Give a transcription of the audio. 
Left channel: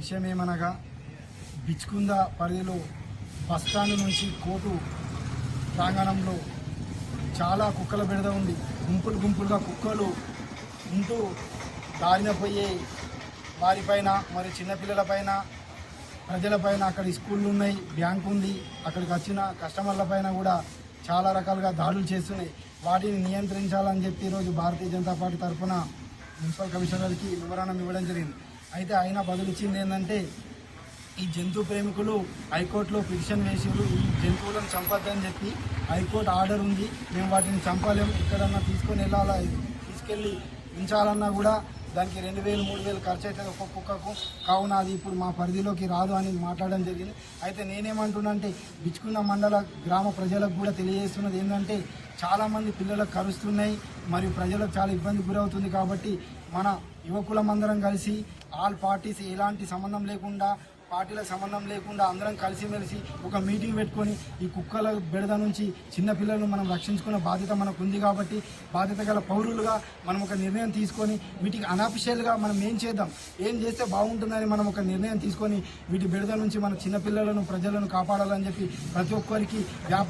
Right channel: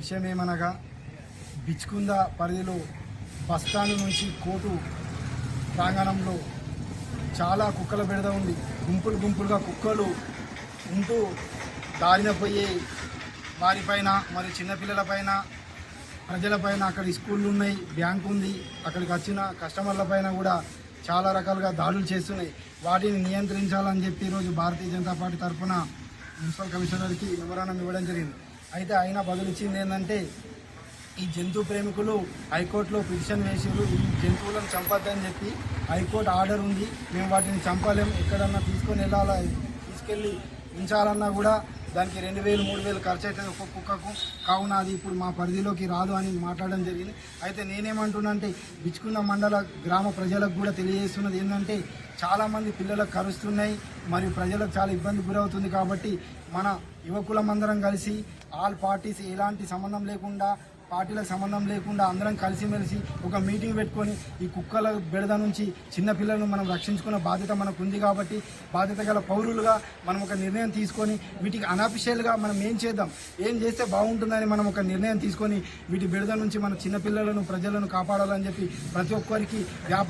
విషయం ఏమనగా బిచ్కుంద పరిధిలో బస్టాండ్ నుంచి కోటు ప్రాంగణంలో చాలా కుక్కల బెడద ఉంది. గుంపులు గుంపులుగా కుక్కలు ఉంటూ దారిన పోయే వారిపైన మరి చిన్నపిల్లలపైన ప్రజలపైన అక్కడ స్కూళ్ళు ఉన్నాయి బ్యాంక్ ఉంది అక్కడికి వచ్చిన కస్టమర్ల పైన కూడా చాలా రకాలుగా దాడులు చేస్తున్నాయి. వాటిని నియంత్రించాలని చెప్పి ఈరోజు భారతీయ జనతా పార్టీ తరఫున మున్సిపల్ కమిషనర్కి వివరణ ఇవ్వడం జరిగింది. అయితే ఆయన బదులిచ్చింది ఏంటంటే ఈ జంతు ప్రేమికులు హైకోర్టులో పిటిషన్ వేసారు జంతువులను చంపద్దని చెప్పి హైకోర్టు ఆర్డర్ ఉంది మేము వాటిని చంపలేము ఎక్కడన్నా తీసుకొని వెళ్ళాలా తీసుకెళ్ళి ఉంచాలన్నా కూడా దానికి రెండు వేలు మూడు వేలు ఖర్చు అవుతుంది ఒక్క కుక్కకు. కావున అది ఇప్పుడు మా పరిధిలోకి రాదు అని మాట్లాడడం జరిగింది. అయితే నేనేమంటున్నానంటే విచ్చుకున్న మండల గ్రామ ప్రజలకు కూడా తెలియజేస్తున్నది ఏంటంటే చాలామంది పిల్లలకు కరుస్తున్నాయి మరియు ప్రజలకు చాలా ఇబ్బంది గురవుతుంది కాబట్టి మన యువకులమందరం కలిసి ఆల్ పార్టీస్ ఎలాంటి సంబంధం లేకుండా పార్టీలకు సంబంధం లేకుండా అందరం కలిసిమెలిసి ఒక మీటింగ్ పెట్టుకొని ఈ కుక్కల బెడద నుంచి చిన్నపిల్లలను మనం రక్షించుకునే బాధ్యత మనకు ఉంది కాబట్టి బాధ్యత గల పౌరులుగా మనం ఒక నిర్ణయం తీసుకొని వీటికి అనాఫిషియల్గా మనం ఏం చేద్దాం? ఏం చేస్తే బాగుంటుందని మనం ఒక నిర్ణయం తీసుకొని వీటి బెడద నుంచి మన చిన్న పిల్లలను ప్రజలను కాపాడాలని చెప్పి ప్రతి ఒక్కరికి